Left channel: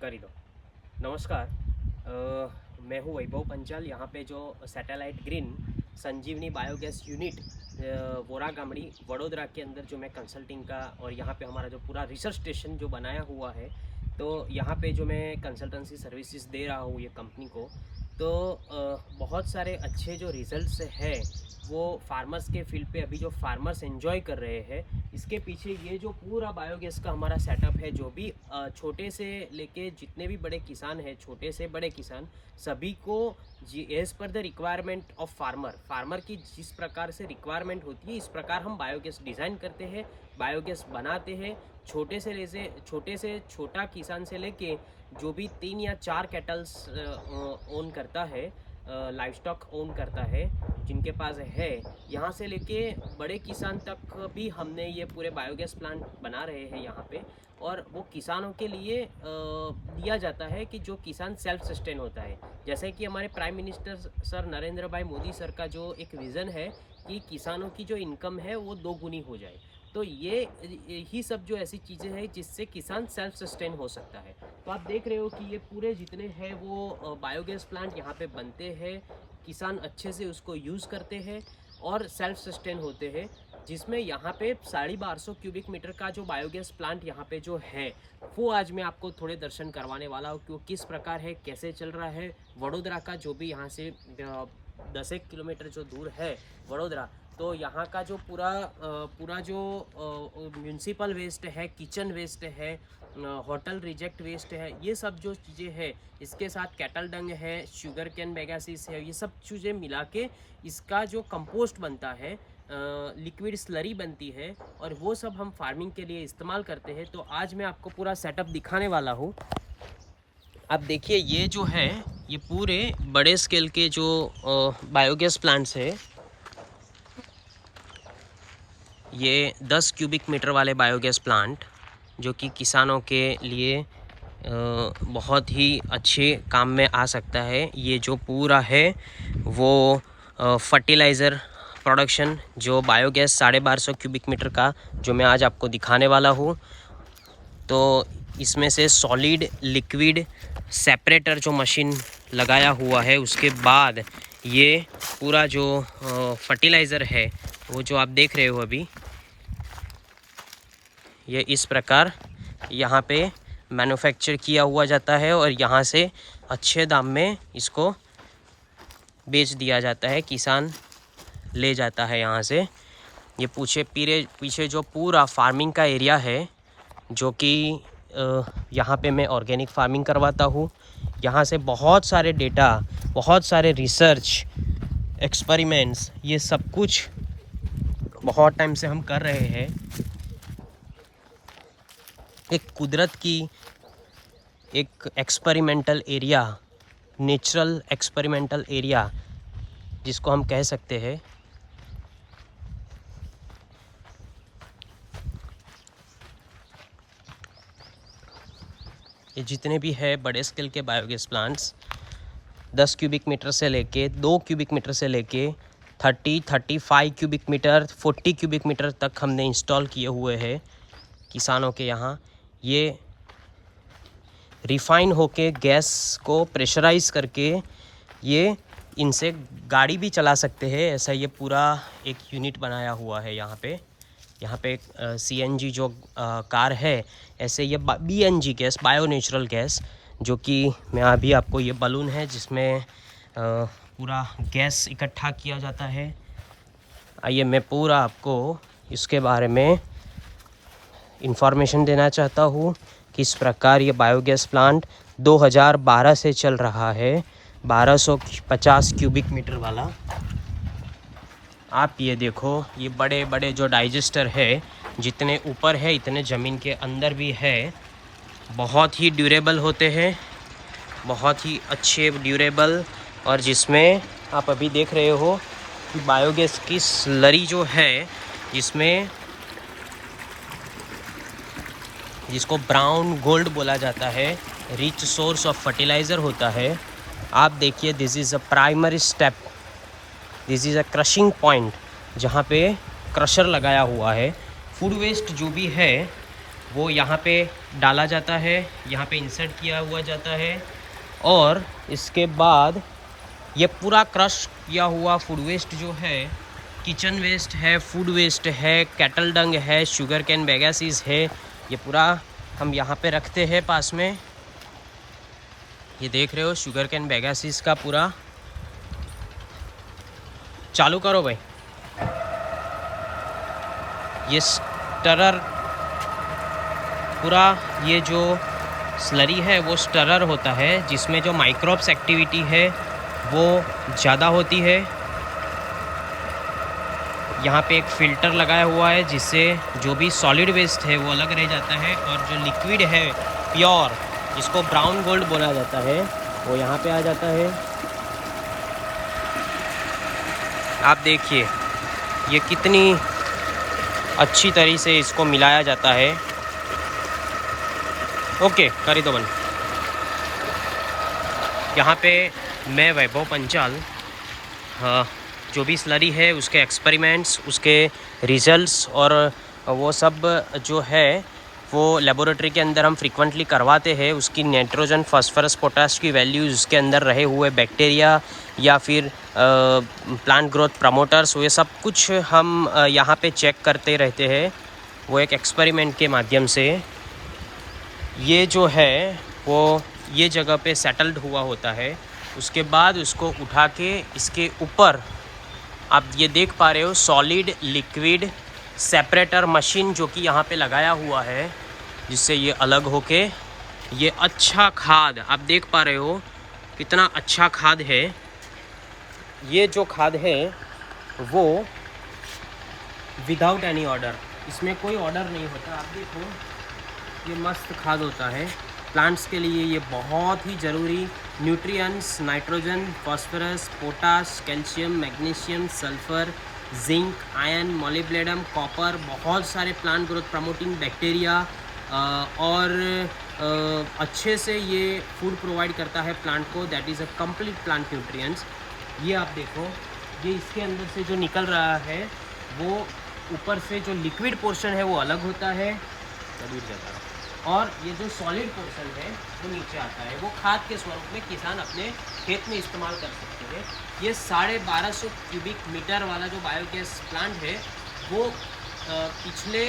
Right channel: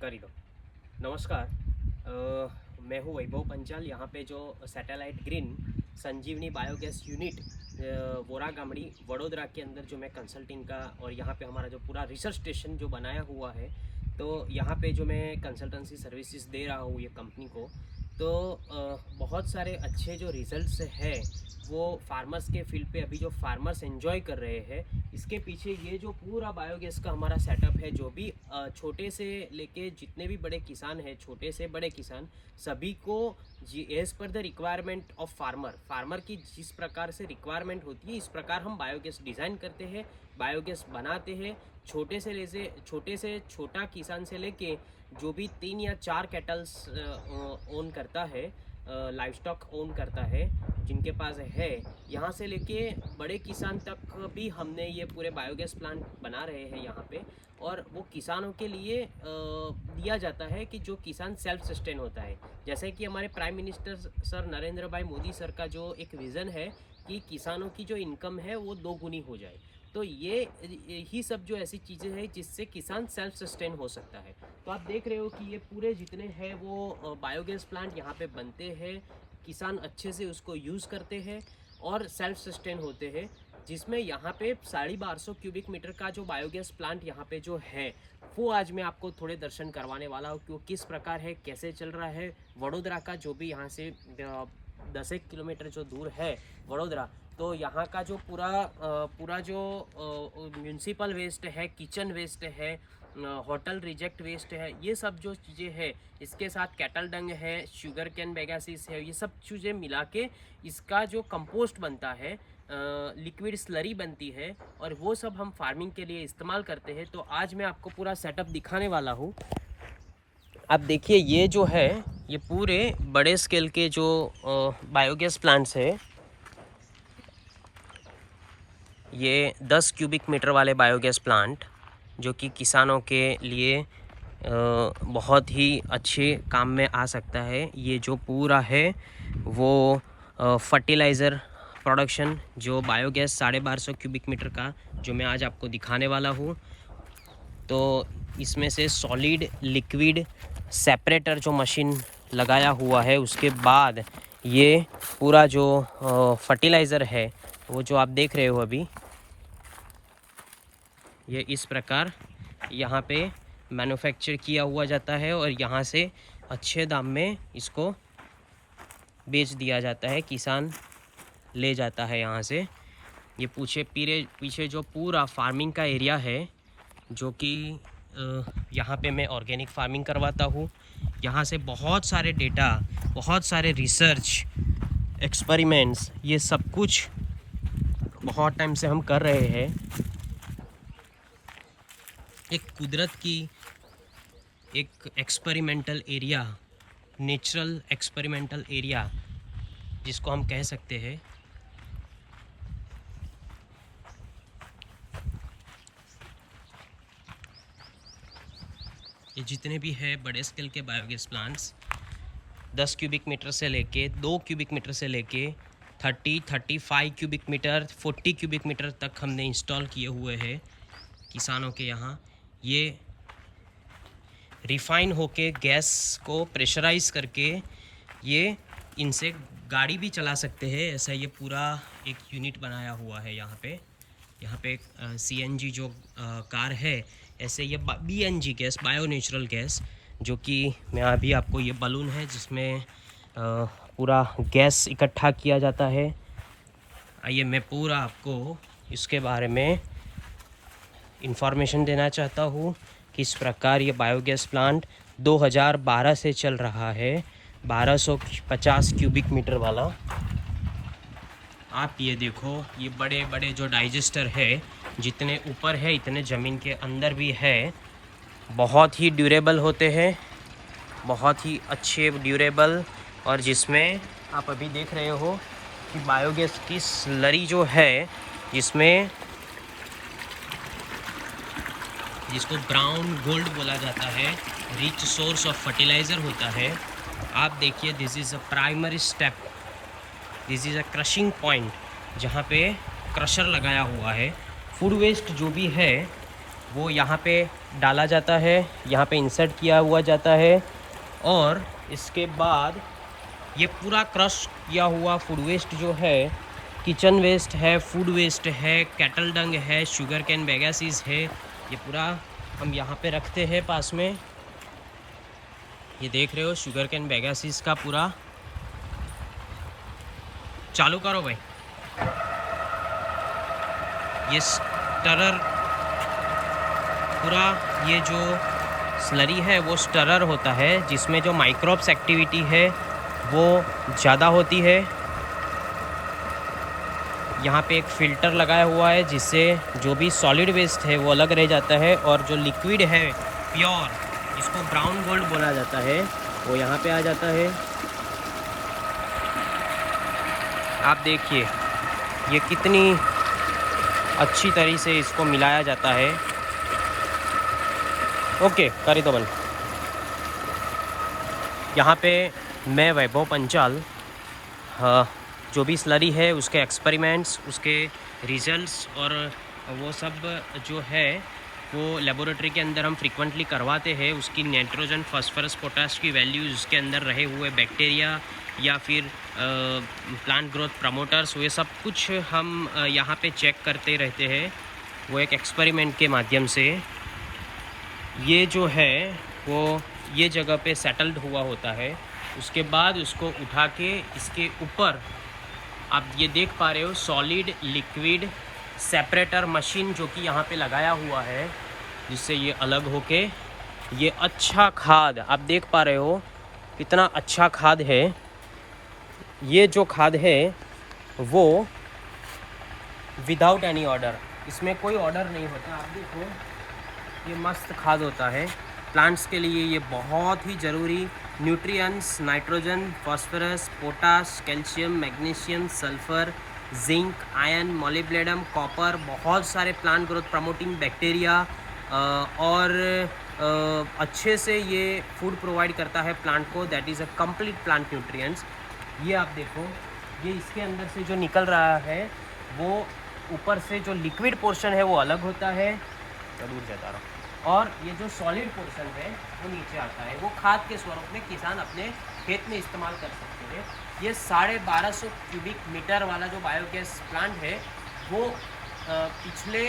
कर दो। नमस्कार। मैं हूँ वैभव पंचाल। यहाँ पे जो सैटेलाइट ग्रीन संजीवनी बायोगैस यूनिट वोरा गामड़ी वडोदरा के अंदर जो मैं कंसल्टिंग का और यहाँ पे हमारा जो पूरा रिसर्च स्टेशन जो बनाया हुआ है, तो यहाँ पे जो मैं कंसल्टेंसी सर्विसेज दे रहा हूँ ये कंपनी को, तो बहुत सारे अच्छे जो रिजल्ट्स हैं वो फार्मर्स के फील्ड पे अभी जो फार्मर्स एंजॉय कर रहे हैं। इसके पीछे ये जो पूरा बायोगैस का हमारा सेटअप है, जो भी छोटे से लेके जितने भी बड़े किसान हैं, छोटे से बड़े किसान, सभी को as per the requirement of farmer की जिस प्रकार से रिक्वायरमेंट होती है, इस प्रकार हम बायोगैस डिज़ाइन करते हैं, बायोगैस बनाते हैं। छोटे से छोटा किसान से लेके जो भी 3 या 4 कैटल्स ओन करता है, लाइव स्टॉक ओन करता है, जिनके पास है, यहाँ से लेके बड़े किसान तक भी हमने ये पूरे बायोगैस प्लांट बना रहे हैं यहाँ पे। और वो किसानों के लिए दिया जाता है कि जो किसान सेल्फ सस्टेन होता है। जैसे कि हमारे प्राइम मिनिस्टर सर नरेंद्र भाई मोदी सर का जो एक विज़न है कि किसानों की जो इनकम है वो 2 गुनी हो जाए, तो ये ही सब जो ऐसी चीज़ें हैं जिससे किसान सेल्फ सस्टेन हो सकता है। तो आप देख रहे हो कि ये पूरे जितने हैं वो बायोगैस प्लांट यहाँ पे बनते हैं, किसान अच्छे से उसको यूज़ करते हैं और सेल्फ सस्टेन होते हैं। जिसमें यहाँ पे 1250 क्यूबिक मीटर का जो बायोगैस प्लांट यहाँ पे जो है, वो आज मैं आपको थोड़े दर्शन करवाने वाला हूँ कि वो किस प्रकार है, कैसे चल रहा है। वडोदरा का जो भी यहाँ से 10 किलोमीटर जो दूर है वडोदरा, तो यहाँ का जो पूरा जो म्यूनसिपल वेस्ट है, किचन वेस्ट है, होटल रिजेक्ट वेस्ट है, ये सब जो चीज़ें हैं, इसके साथ कैटल डंग है, शुगर कैन बेगासिस है, ये सब चीज़ें मिला के इसका जो कंपोस्ट बनता है, लिक्विड स्लरी बनती है, और वो सब हम फार्मिंग के लिए इस्तेमाल करते हैं। तो आज मैं आपको पूरा सेटअप दिखाने वाला हूँ। आप देखिए, ये जो है ये पूरे बड़े स्केल के जो बायोगैस प्लांट्स है, ये 10 क्यूबिक मीटर वाले बायोगैस प्लांट जो कि किसानों के लिए बहुत ही अच्छे काम में आ सकता है। ये जो पूरा है वो फर्टिलाइज़र प्रोडक्शन जो बायोगैस 1250 क्यूबिक मीटर का जो मैं आज आपको दिखाने वाला हूँ, तो इसमें से सॉलिड लिक्विड सेपरेटर जो मशीन लगाया हुआ है, उसके बाद ये पूरा जो फर्टिलाइज़र है वो जो आप देख रहे हो अभी, ये इस प्रकार यहाँ पे मैन्युफैक्चर किया हुआ जाता है और यहाँ से अच्छे दाम में इसको बेच दिया जाता है, किसान ले जाता है यहाँ से। ये पीछे जो पूरा फार्मिंग का एरिया है, जो कि यहाँ पे मैं ऑर्गेनिक फार्मिंग करवाता हूँ। यहाँ से बहुत सारे डेटा, बहुत सारे रिसर्च एक्सपेरिमेंट्स, ये सब कुछ बहुत टाइम से हम कर रहे हैं। एक कुदरत की एक experimental area, natural experimental area जिसको हम कह सकते हैं। ये जितने भी है बड़े स्केल के बायोगैस प्लांट्स, 10 क्यूबिक मीटर से लेके 2 क्यूबिक मीटर से लेके 35 क्यूबिक मीटर, 40 क्यूबिक मीटर तक हमने इंस्टॉल किए हुए हैं किसानों के यहाँ। ये रिफ़ाइन होके गैस को प्रेशराइज़ करके ये इनसे गाड़ी भी चला सकते हैं, ऐसा ये पूरा एक यूनिट बनाया हुआ है यहाँ पे CNG जो कार है, ऐसे ये BNG gas, bio natural gas, जो कि मैं अभी आपको, ये बलून है जिसमें पूरा गैस इकट्ठा किया जाता है। आइए मैं पूरा आपको इसके बारे में इंफॉर्मेशन देना चाहता हूँ, किस प्रकार ये बायोगैस प्लांट 2012 से चल रहा है, 1250 क्यूबिक मीटर वाला। आप ये देखो, ये बड़े बड़े जो डाइजेस्टर है, जितने ऊपर है इतने ज़मीन के अंदर भी है, बहुत ही ड्यूरेबल होते हैं, बहुत ही अच्छे ड्यूरेबल। और जिसमें आप अभी देख रहे हो कि बायोगैस की स्लरी जो है, जिसको ब्राउन गोल्ड बोला जाता है, रिच सोर्स ऑफ फर्टिलाइज़र होता है। आप देखिए, this is a primary step, this is a crushing point, जहाँ पे क्रशर लगाया हुआ है। फूड वेस्ट जो भी है वो यहाँ पे डाला जाता है, यहाँ पे इंसर्ट किया हुआ जाता है और इसके बाद ये पूरा क्रश किया हुआ फूड वेस्ट जो है, किचन वेस्ट है, फूड वेस्ट है, कैटल डंग है, शुगर कैन बैगासीज है, ये पूरा हम यहाँ पे रखते हैं पास में। ये देख रहे हो शुगर कैन बैगासीज का पूरा। चालू करो भाई। ये स्टरर पूरा, ये जो स्लरी है वो स्टरर होता है जिसमें जो माइक्रोब्स एक्टिविटी है वो ज़्यादा होती है। यहाँ पे एक फ़िल्टर लगाया हुआ है जिससे जो भी सॉलिड वेस्ट है वो अलग रह जाता है और जो लिक्विड है प्योर, जिसको ब्राउन गोल्ड बोला जाता है, वो यहाँ पे आ जाता है। आप देखिए ये कितनी अच्छी तरीके से इसको मिलाया जाता है। ओके, करी तो बन। यहाँ पे मैं वैभव पंचाल जो भी स्लरी है उसके एक्सपेरिमेंट्स, उसके रिजल्ट्स और वो सब जो है वो लेबोरेटरी के अंदर हम फ्रीक्वेंटली करवाते हैं। उसकी नाइट्रोजन, फास्फोरस, पोटाश की वैल्यूज़, उसके अंदर रहे हुए बैक्टीरिया या फिर प्लांट ग्रोथ प्रमोटर्स, ये सब कुछ हम यहाँ पे चेक करते रहते हैं। वो एक एक्सपेरिमेंट के माध्यम से ये जो है वो ये जगह पे सेटल्ड हुआ होता है। उसके बाद उसको उठा के इसके ऊपर आप ये देख पा रहे हो सॉलिड लिक्विड सेपरेटर मशीन जो कि यहाँ पे लगाया हुआ है, जिससे ये अलग होके ये अच्छा खाद आप देख पा रहे हो कितना अच्छा खाद है। ये जो खाद है वो विदाउट एनी ऑर्डर, इसमें कोई ऑर्डर नहीं होता। आप देखो ये मस्त खाद होता है प्लांट्स के लिए। ये बहुत ही ज़रूरी nutrients, nitrogen, phosphorus, potash, calcium, magnesium, sulphur, zinc, iron, molybdenum, copper, बहुत सारे प्लांट ग्रोथ प्रमोटिंग बैक्टीरिया और अच्छे से ये फूड प्रोवाइड करता है प्लांट को। That is a complete plant nutrients. ये आप देखो ये इसके अंदर से जो निकल रहा है वो ऊपर से जो लिक्विड पोर्शन है वो अलग होता है, दूर जाता रहा, और ये जो सॉलिड पोर्शन है वो नीचे आता है। वो खाद के स्वरूप में किसान अपने खेत में इस्तेमाल कर सकते हैं। ये 1250 क्यूबिक मीटर वाला जो बायोगैस प्लांट है वो पिछले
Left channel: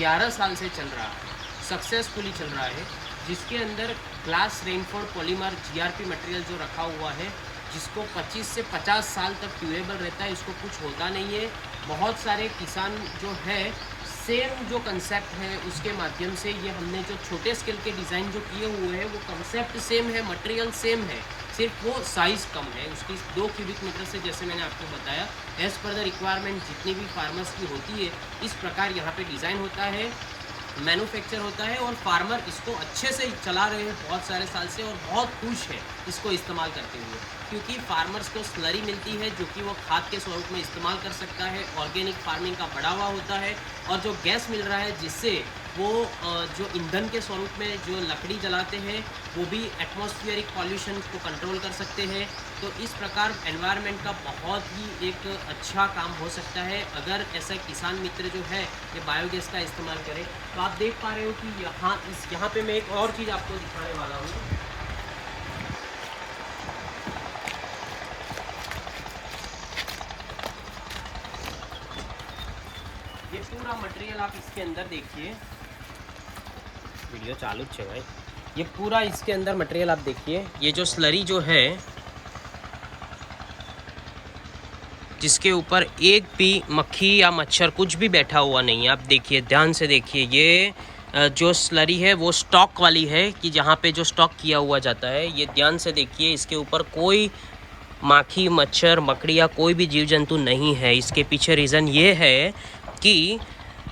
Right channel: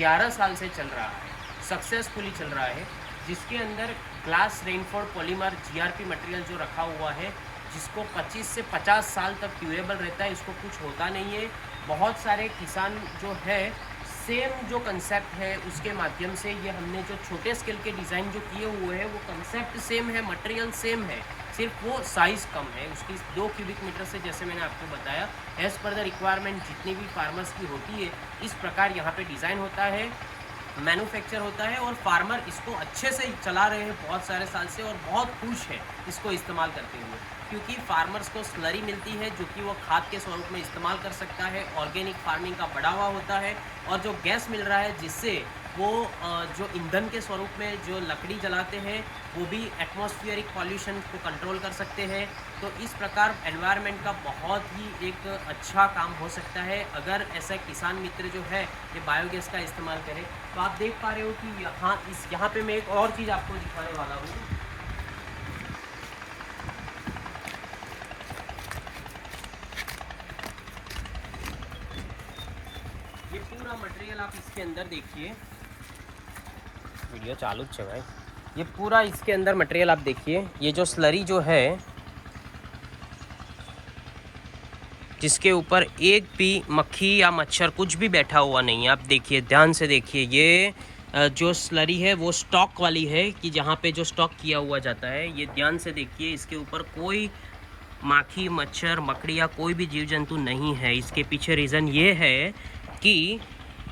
11 साल से चल रहा है, सक्सेसफुली चल रहा है, जिसके अंदर ग्लास रेनफोर्ड पॉलीमर GRP मटेरियल जो रखा हुआ है, जिसको 25 से 50 साल तक ड्यूरेबल रहता है, इसको कुछ होता नहीं है। बहुत सारे किसान जो है सेम जो कंसेप्ट है उसके माध्यम से ये हमने जो छोटे स्केल के डिज़ाइन जो किए हुए हैं वो कंसेप्ट सेम है, मटेरियल सेम है, सिर्फ वो साइज़ कम है उसकी 2 क्यूबिक मीटर से। जैसे मैंने आपको बताया एज़ पर द रिक्वायरमेंट जितनी भी फार्मर्स की होती है इस प्रकार यहाँ पे डिज़ाइन होता है, मैन्युफैक्चर होता है और फार्मर इसको अच्छे से चला रहे हैं बहुत सारे साल से और बहुत खुश है इसको इस्तेमाल करते हुए, क्योंकि फार्मर्स को स्लरी मिलती है जो कि वो खाद के स्वरूप में इस्तेमाल कर सकता है। ऑर्गेनिक फार्मिंग का बढ़ावा होता है और जो गैस मिल रहा है जिससे वो जो ईंधन के स्वरूप में जो लकड़ी जलाते हैं वो भी एटमॉस्फेरिक पॉल्यूशन को कंट्रोल कर सकते हैं। तो इस प्रकार एनवायरनमेंट का बहुत ही एक अच्छा काम हो सकता है अगर ऐसा किसान मित्र जो है ये बायोगैस का इस्तेमाल करे। तो आप देख पा रहे हो कि यहाँ पे मैं एक और चीज़ आपको दिखाने वाला हूँ। ये पूरा मटेरियल आप इसके अंदर देखिए, वीडियो चालू है भाई। ये पूरा इसके अंदर मटेरियल आप देखिए, ये जो स्लरी जो है जिसके ऊपर एक भी मक्खी या मच्छर कुछ भी बैठा हुआ नहीं है। आप देखिए, ध्यान से देखिए, ये जो स्लरी है वो स्टॉक वाली है कि जहाँ पे जो स्टॉक किया हुआ जाता है। ये ध्यान से देखिए, इसके ऊपर कोई माखी, मच्छर, मकड़िया, कोई भी जीव जंतु नहीं है। इसके पीछे रीज़न ये है कि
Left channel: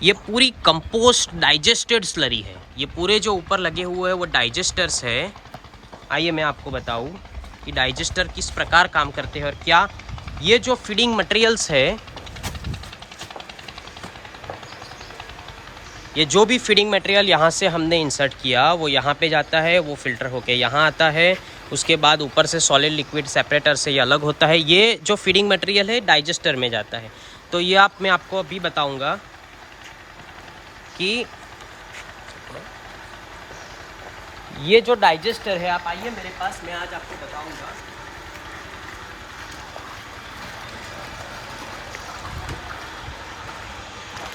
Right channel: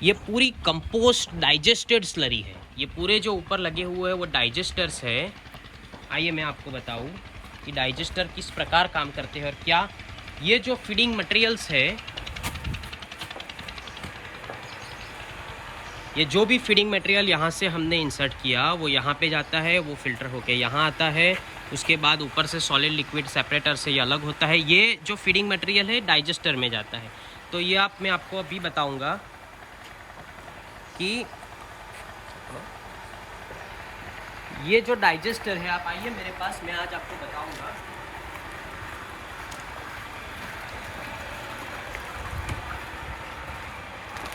ये पूरी कंपोस्ट डाइजेस्टेड स्लरी है। ये पूरे जो ऊपर लगे हुए हैं वो डाइजेस्टर्स है। आइए मैं आपको बताऊं कि डाइजेस्टर किस प्रकार काम करते हैं और क्या ये जो फीडिंग मटेरियल्स है, ये जो भी फीडिंग मटेरियल यहाँ से हमने इंसर्ट किया वो यहाँ पे जाता है, वो फिल्टर होके यहाँ आता है। उसके बाद ऊपर से सॉलिड लिक्विड सेपरेटर से ये अलग होता है। ये जो फीडिंग मटेरियल है डाइजेस्टर में जाता है। तो ये मैं आपको अभी बताऊंगा कि ये जो डाइजेस्टर है, आप आइए मेरे पास, मैं आज आपको बताऊंगा।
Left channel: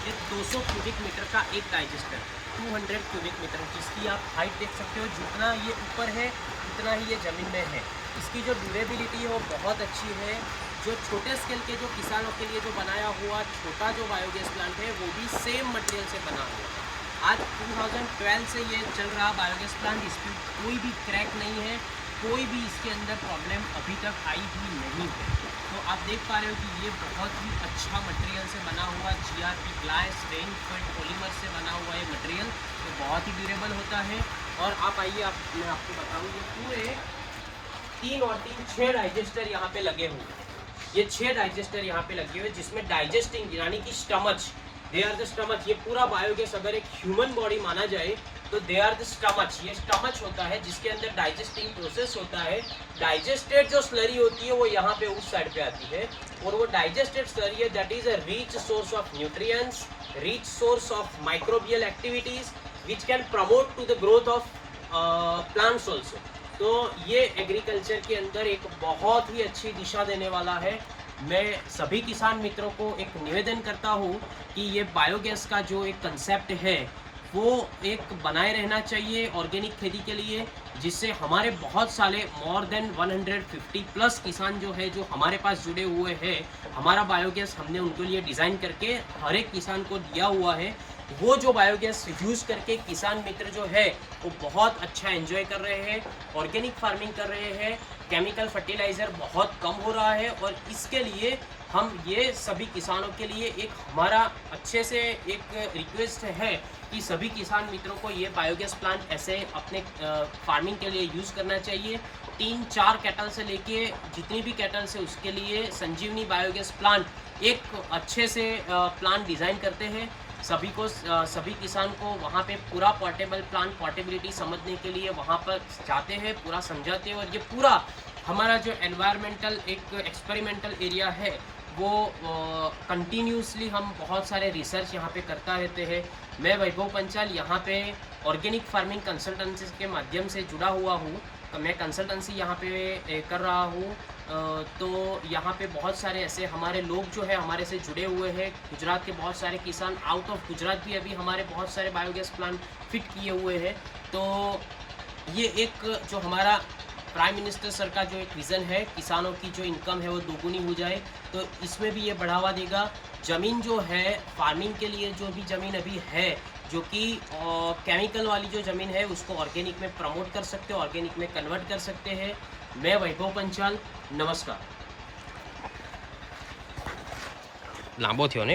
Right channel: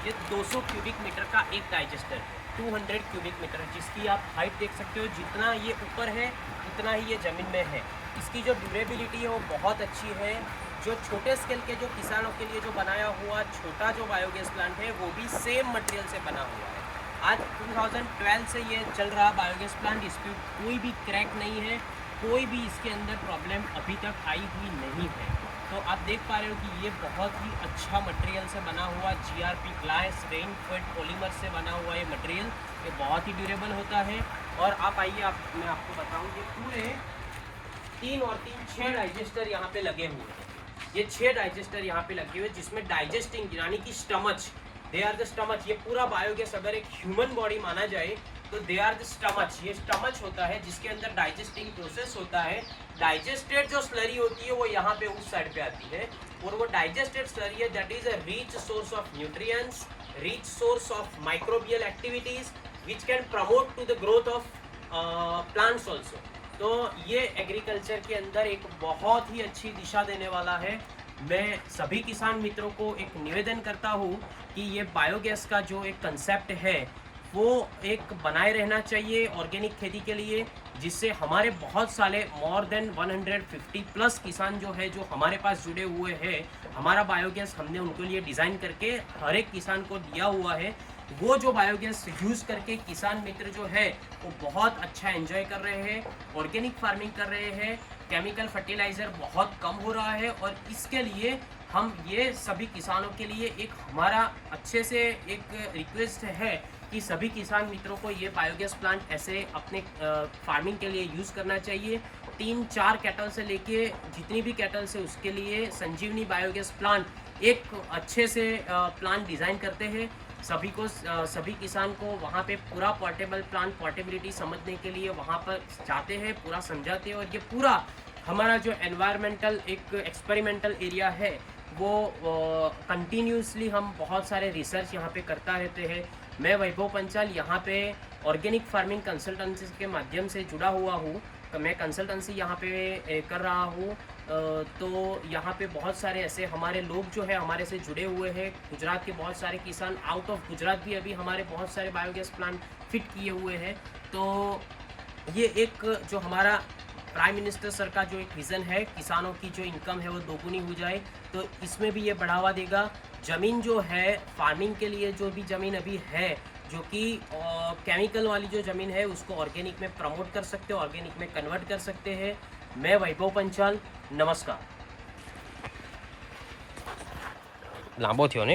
ये 200 क्यूबिक मीटर का एक डाइजेस्टर है, 200 क्यूबिक मीटर, जिसकी आप हाइट देख सकते हो। जितना ये ऊपर है उतना ही ये ज़मीन में है। इसकी जो ड्यूरेबिलिटी है वो बहुत अच्छी है। जो छोटे स्केल के जो किसानों के लिए जो बनाया हुआ छोटा जो बायोगैस प्लांट है वो भी सेम मटेरियल से बना हुआ है। आज 2012 से ये चल रहा बायोगैस प्लांट, इस पर कोई भी क्रैक नहीं है, कोई भी इसके अंदर प्रॉब्लम अभी तक आई हुई नहीं है। तो आप देख पा रहे हो कि ये बहुत ही अच्छा मटेरियल से बना हुआ GRP ग्लास रेनफेड पॉलीमर से बना हुआ ये मटेरियल, ये बहुत ही ड्यूरेबल होता है। और आप आइए, मैं आपको बताऊँ, ये पूरे 3 और 3 6 डाइजेस्टर यहाँ पे लगे हुए हैं। ये 6 डाइजेस्टर यहाँ पे लगे हुए, जिसमें डाइजेस्टिंग यानी कि stomach, they are the stomach. ये पूरा बायोगैस अगर एक ह्यूमन बॉडी माना जाए तो दे आर द स्टमच। ये स्टमच होता है जिसके अंदर डाइजेस्टिंग प्रोसेस होता है। डाइजेस्टेड जो स्लरी होती है वो यहाँ पे उस साइड पे आती है, और वो डाइजेस्टेड स्लरी है that is a rich source of nutrients, rich source of microbial activities which can promote to the growth of plants also. तो ये एग्रीकल्चर के अंदर एक बहुत ही अच्छी दिशा देने वाला है। मैं सभी किसान मित्रों को एक निवेदन करता हूँ कि ये बायोगैस का जो एक कंसेप्ट है वो एक बनाए रहना चाहिए ऑर्गेनिक खेती के लिए, जिससे हमारे बहुत सारे मोर देन 150 प्लस किसान जो है जो हमारे पास जुड़े हुए हैं। हमारा बायोगैस हमने उनके लिए डिज़ाइन करके हर एक किसान को दिया हुआ है। वो जो बायोगैस यूज़ करके किसान मित्र जो है वो बहुत अच्छा एंजॉय कर रहे हैं, ऑर्गेनिक फार्मिंग कर रहे हैं, केमिकल फर्टिलाइज़र बहुत कम हो रहा है। और इसके लिए हम ये सभी किसानों के लिए एक हमारा अच्छे से एक रिक्वेस्ट है कि सभी किसान मित्रों को ये बायोगैस प्लांट ऐसे अपने फार्मिंग के लिए यूज़ करना चाहिए। 3-4 कैटल से लेके जितनी भी कैटल से उसके लिए संजीवनी बायोगैस प्लांट एक अच्छे से प्लांट डिज़ाइन करते हैं। सभी किसान को वहाँ पे पूरा पोर्टेबल प्लांट पोर्टेबिलिटी समझने के लिए वहाँ पर जाते हैं, पूरा समझाते हैं। और ये पूरा हमारा जो एनवायरमेंटल एक एक्सपेरिमेंटल एरिया है वो कंटिन्यूसली हम बहुत सारे रिसर्च यहाँ पे करता रहते हैं। मैं वैभव पंचाल यहाँ पे ऑर्गेनिक फार्मिंग कंसल्टेंसी के माध्यम से जुड़ा हुआ हूँ। तो मैं कंसल्टेंसी यहाँ पे कर रहा हूँ। तो यहाँ पे बहुत सारे ऐसे हमारे लोग जो है हमारे से जुड़े हुए हैं। गुजरात के बहुत सारे किसान, आउट ऑफ गुजरात भी अभी हमारे बहुत सारे बायोगैस प्लांट फिट किए हुए हैं। तो ये एक जो हमारा प्राइम मिनिस्टर सर का जो एक विज़न है, किसानों की जो इनकम है वो दोगुनी हो जाए, तो इसमें भी ये बढ़ावा देगा। ज़मीन जो है फार्मिंग के लिए, जो भी ज़मीन अभी है जो कि केमिकल वाली जो ज़मीन है उसको ऑर्गेनिक में प्रमोट कर सकते हो, ऑर्गेनिक में कन्वर्ट कर सकते हैं। मैं वैभव पंचाल, नमस्कार। लांबो थयो ने।